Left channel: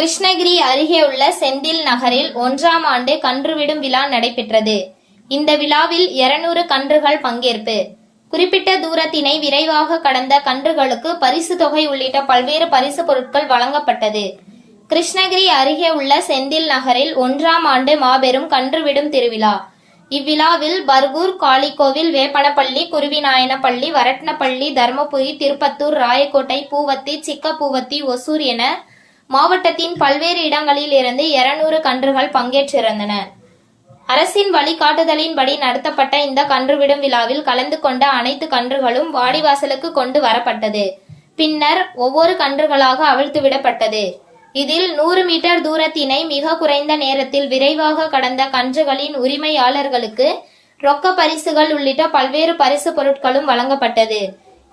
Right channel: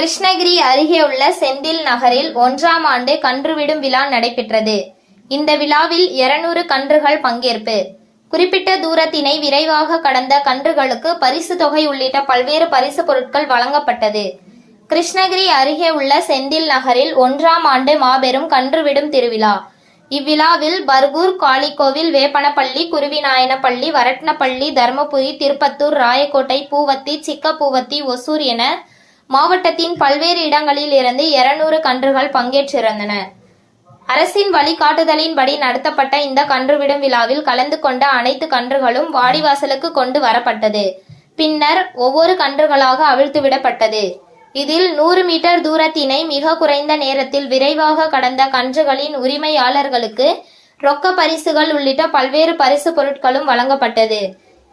கிருஷ்ணகிரி அருகே உள்ள செந்தில் நகரில் ஒன்றாம் ஆண்டு கன்றுவிடும் விழா நடைபெற்றது. இந்த விழாவில் 200 கன்றுகள் பங்கேற்பு. குறிப்பிட்ட தூரத்தினை விரைவாக கடந்த கன்றுகளுக்கு பரிசு தொகை உள்ளிட்ட பல்வேறு பரிசு பொருட்கள் வழங்கப்பட்டது. கிருஷ்ணகிரி அருகே உள்ள செந்தில் நகரில் ஒன்றாம் ஆண்டு மாபெரும் கன்றுவிடும் திருவிழா. இவ்விழாவில் பர்கூர் காளிகோவில் வேப்பனப்பள்ளி குருவிநாயனப்பள்ளி வரட்னப்பள்ளி தர்மபுரி திருப்பத்தூர் ராயக்கோட்டை பூவத்தி சிக்கப்பூவத்தி ஒசூர் என மாவட்டத்தின் பல்வேறு இடங்களில் இருந்து 200 கன்றுகள் பங்கேற்றிருந்தன. அரசின் வழிகாட்டுதலின்படி நடத்தப்பட்ட இந்த கன்றுவிடும் விழாவில் கலந்து கொண்ட அனைத்து கன்றுகளும் வாடிவாசலுக்கு கொண்டு வரப்பட்டது. பின்னர் ஒவ்வொரு கன்றுகளாக அவிழ்த்துவிடப்பட்டது இதில் நூறு மீட்டர் தூரத்தினை மிக குறைந்த நேரத்தில் விரைவாக கடந்த கன்றுகளின் உரிமையாளர்களுக்கு ரொக்க பரிசுகள் உள்ளிட்ட பல்வேறு பரிசு பொருட்களும் வழங்கப்பட்டது.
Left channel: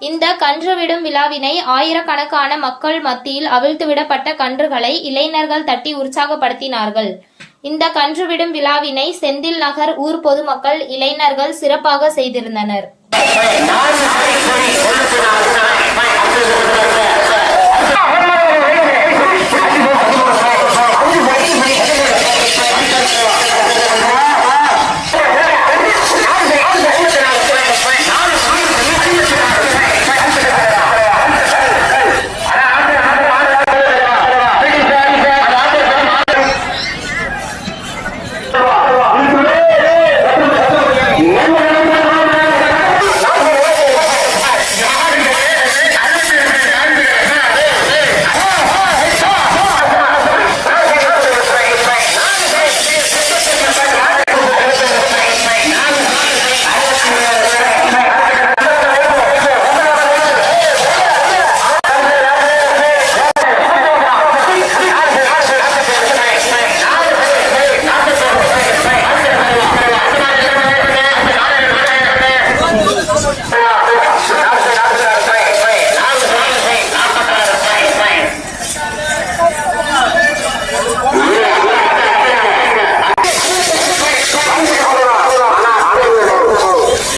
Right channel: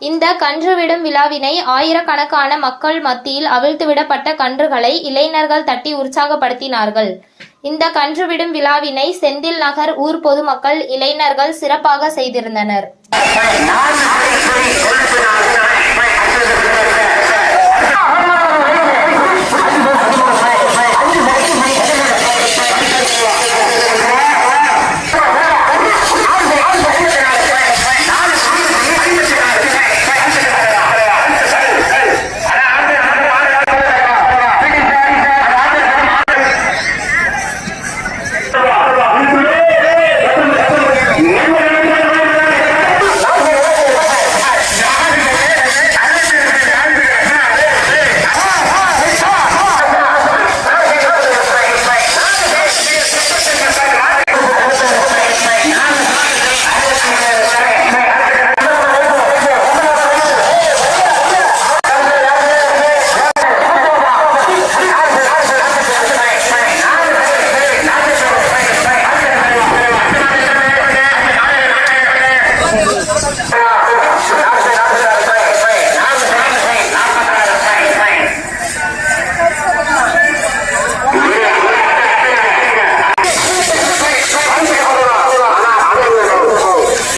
இந்த கன்றுவிடும் விழாவினை ஆயிரக்கணக்கான மக்கள் மத்தியில் அவிழ்த்துவிடப்பட்ட கன்றுகளை இளைஞர்கள் தட்டி உற்சாகப்படுத்தினார்கள். இந்த கன்றுவிடும் விழாவினை செந்தில் நகர் ஊர் பொதுமக்கள் இளைஞர்கள் சிறப்பாக செய்திருந்தனர்.